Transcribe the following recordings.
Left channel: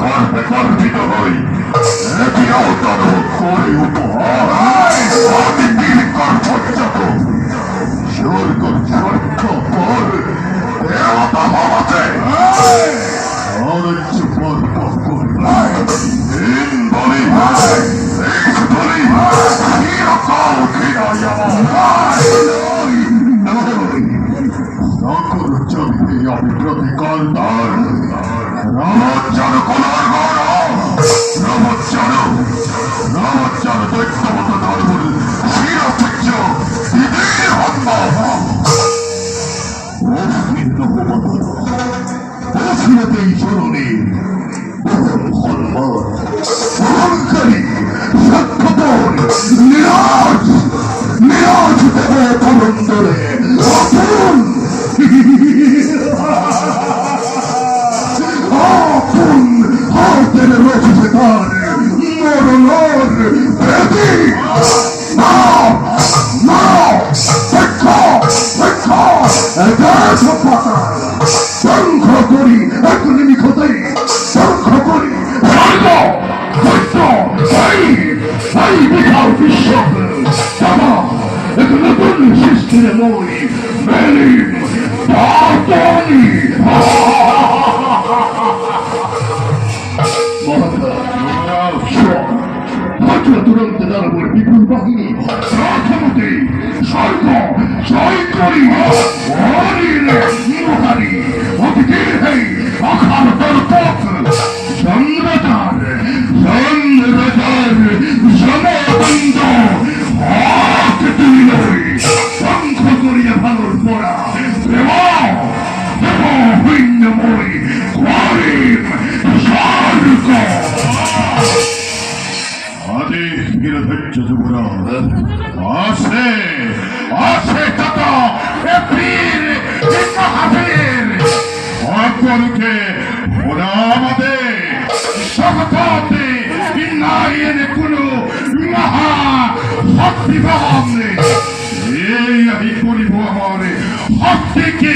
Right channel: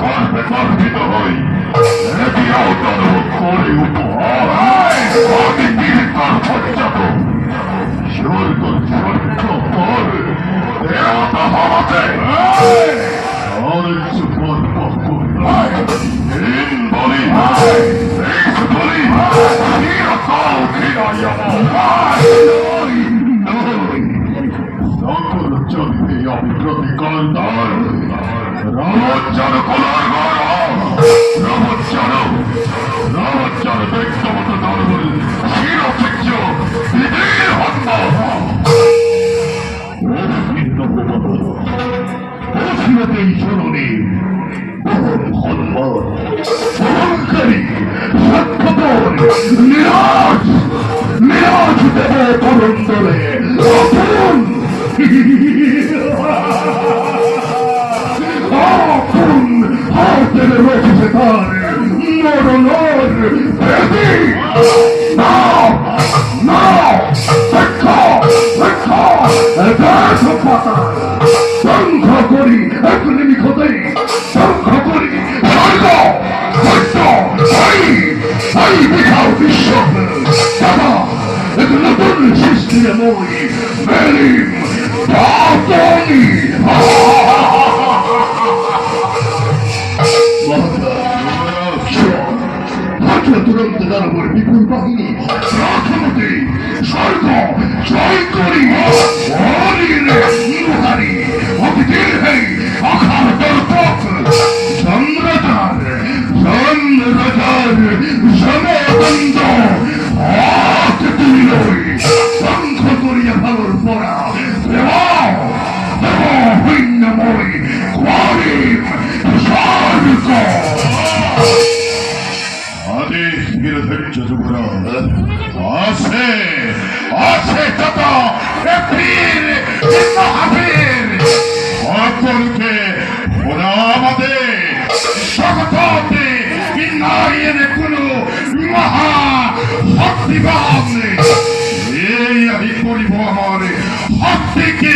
গর্বে গর্বিত হই এটিও তার করি উপহার অতিথির গর্ভজাত স্বর্গ স্বর্গ পর দেবতা হওয়াতে অরঞ্চ পর পর ইন বলি এক্স বলি চিরকাল ঘৃণাই আমার সকল চরিতে আমি প্রতিকার দান রামজ্জন কলার গৌরব রামজ্জন ব্যক্তিগত ধর্মের শিরোপেক্ষ দিদির হত্যা অসীমতেই স্মরণের বহন হনুমান বহনকারী সাক্ষাপন নিরাজ নিরাজ দেব পরন্দরে আপন আপন হাতের রয়েছে তার মরণর বেদি না না শিক্ষা শিক্ষা দেশ পাতাল শঙ্খ করি এক নিমিখতেই শঙ্খ করি এই বিশাল বিশ্ব দাদা এক নতুন সৃষ্টির মই মেলিম দাতনি তুরন্ত দানবের বিপুল বাহিনী রাজমতি স্বর্গ জয় করি মহারি অতিথির হেই আখার দর্পক চন্দ্রচার সমবন্ধ হাত তুলিলই শঙ্খ করিয়া ভালোর পরা হইন্যময় কোয়ারিম স্বর্গ আদেশ গিরে ধৈর্য যুবরাজ আছে আছে তত বীর মহাবীর সকলকে ওরা আমাদের শপথে বিনয়ের কোনো মহা শক্তিবান এই আমি করিব আমার শক্তিকে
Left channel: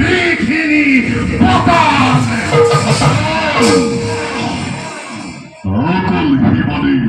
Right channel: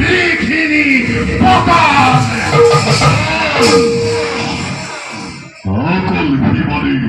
লিখিনি পতান সকল বিমানের